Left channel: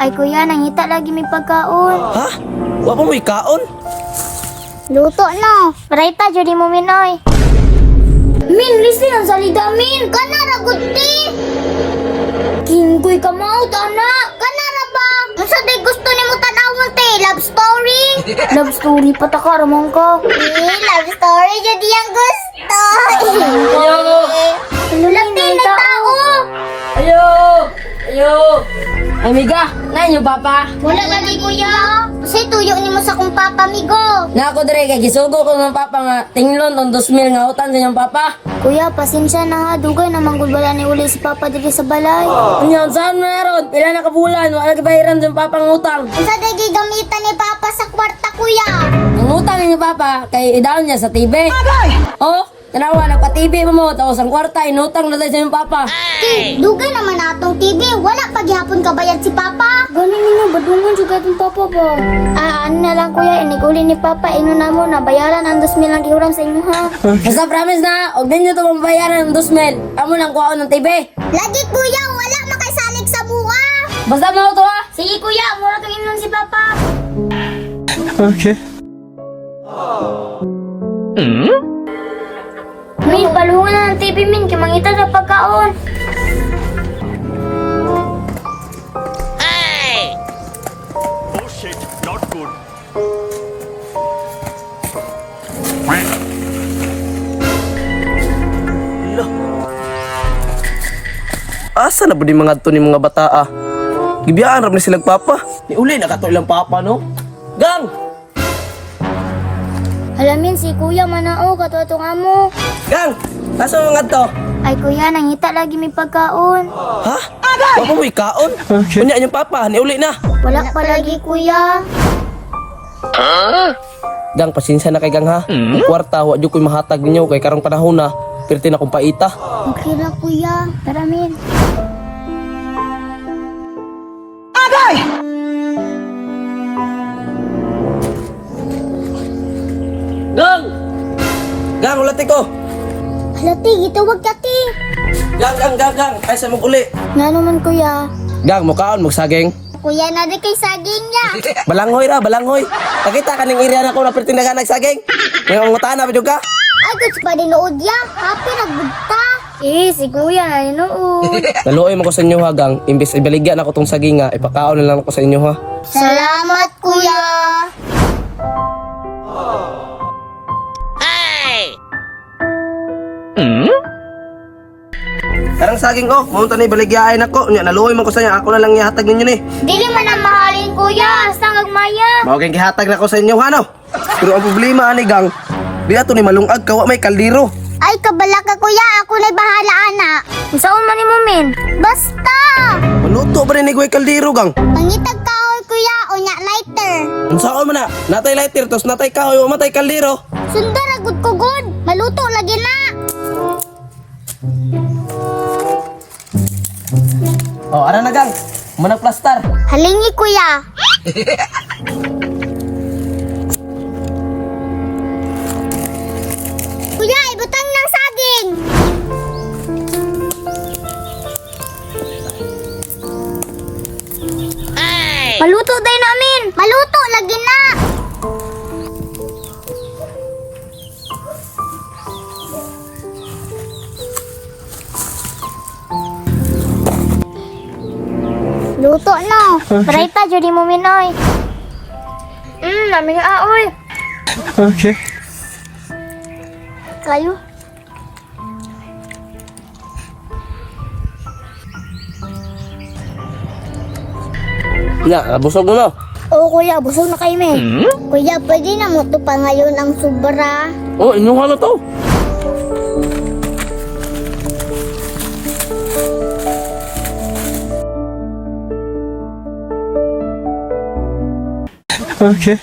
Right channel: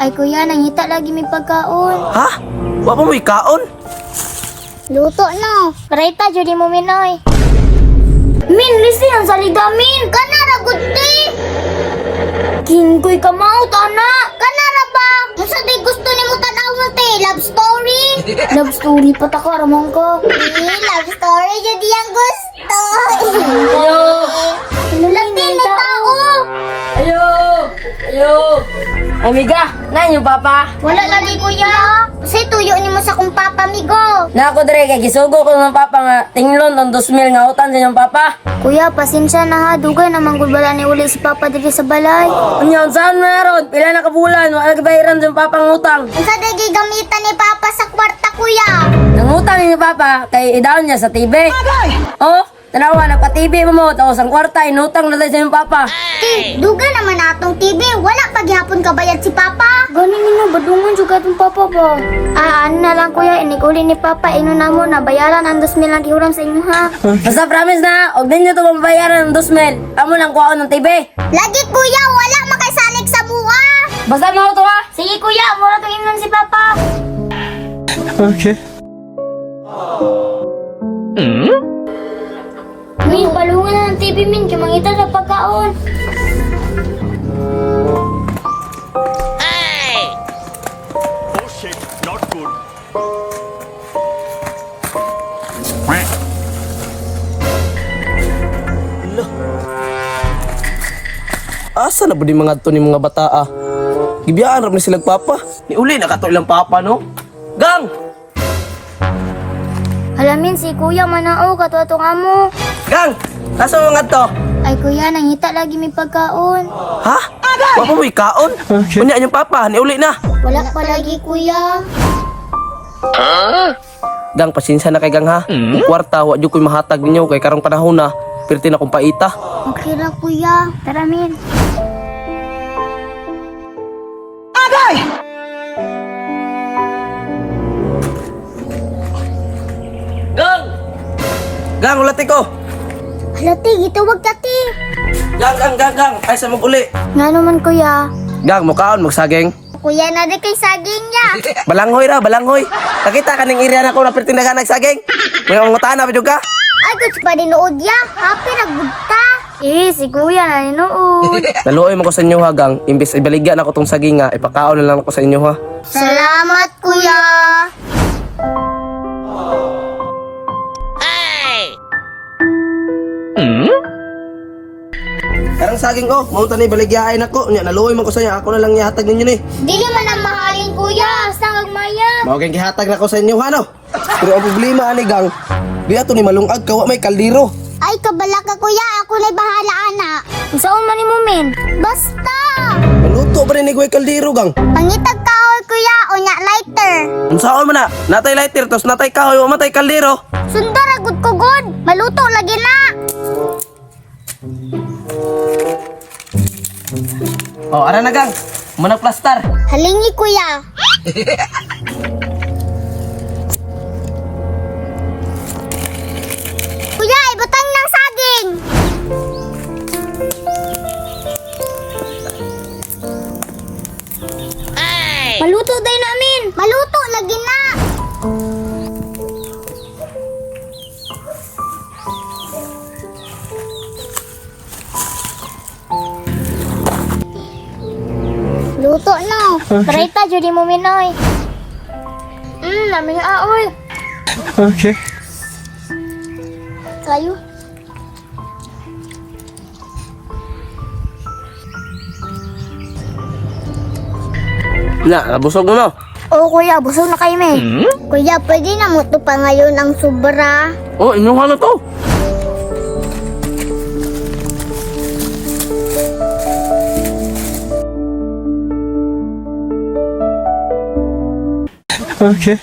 Ay kuya, nangita lagi may pagkaon. Ha? Wa pa may kaon? Luto na. Parayta, judi mo minoy. Min, lisi ang salida, Min. Kanara, guti. Kinggoy ka maut, anak. Kanara ba? Masa di gusto ni mo tanawon, te? Love story? Love story pa takaramang ka. Love story, jadi yang gusto. Lagi na tao. Ayo! Ayo! Amiga, na yung papa. Wala lagi, kuya. Kasi tuyo ni mo sa kong papa, migo. Na ako dire kay gisugo ko ng papa nga tinglon on 2,000 nga utan sa inyong papa. Kuya, pasensya na ha. Dugay na manggulbala ni uli si papa dito sa balay. Unyon, saan meron? Pila na kabulan, wala kabayaran sa inyong papa ng utang. Isa dagi gamitan ni papa sa kwarta, kuya. Nang utang ni papa, kay idaon niya sa TV. Oh, tanawa, nagpa-TV mo, tapos ang kwarta, inutang na tayo sa inyong papa. Duga naman atong TV. Wala paghihapon kabayad si papa. Galing mo, badungan juga itong papa ba? Ano na lang kuya, iniguli ni papa. Ino na mo, nabayaran ang 2,000 lang ihuram sa inyo ha. Basta promise na, huwag din niyo ito mabayaran ng 2,000. Amo lang kuha ng TV. Lagi kuya, wala makaisalig sa buha. Basta mo ito ha. Sige kuya, mura itong imlan si papa. Okay. Min, balungan na ng TV, Min. Kimangita sa pagkaon. Oh shit, not good. Asa na ba di mga to ni mga bata ah? Gibiyaan rap na silang papa. Ni uli nakato ilang papa no. Gang! Halamin si kuya manao, katuatong amo. Gang! Nasa mga to? Ay kuya, nangita lagi may pagkaon. Ha? Wa pa may kaon? Okay. Unya yung papa, ni uli na. Wala pa lagi kuya. Gang, pasensya na kay Gang ha. Yung kwarta, wa jud ko'y mahatag ninyo kay karong panahon na. Perti na kong paita. Okay ra kuya. Tara, Min. Gang! Gang, ulati ko! Halati, gitawag ka ti. Gang! Ay sa mag-uli. Nga naman kuya. Gang, mukaon, magsaging. Kuya na di kay saging niya. Balanghoy ra, balanghoy. Nakita ka ning area na ko na perti na nagsaging. May mga na bidyo ka? Ay, gusto pa dinuod ya. Happy nagbugta. Si kuya na dinuod. Naluoy mo ko sa inyo ha, Gang. Imbes ibaligyan ako tong saging nga, ipakaon na lang ako sa inyo ha. Salamat kuya. Karang saging ko, maunta na ibaligyain ako. Nya naluoy mo ko sa inyo, ako na lang ihatag ninyo ni. Dili mo na mahalin kuya. Asa magmaya. Mawaging gihatag na ko sa inyo ha no. Pero ang problema ani Gang, di ato ni malungag kawa may kaldero. Ay, kabala ka kuya. Ako na'y bahala, anak. Saan man ni mo, Min? Basta! Maluto ba rin ni kaldero Gang? Pangitag kahoy kuya. Unya lighter. Unsaon man na, natay lighter tos natay kahoy o matay kaldero. Sundar agud ko god. Maluto lagi na. Oh, ara na Gang. Manag plastar. Halingi kuya. Kuya, ibutang ng saging. Maluto day namin. Maluto lagi na. Luto na. Parayta, judi mo minoy. Namin aoy. Okay. Kayo. Na, busog mo no. Oo kuya, busog na kayo may. Kuya, pwede na mo to pa ngayon ang sobra. Oh, inuha na to. Okay.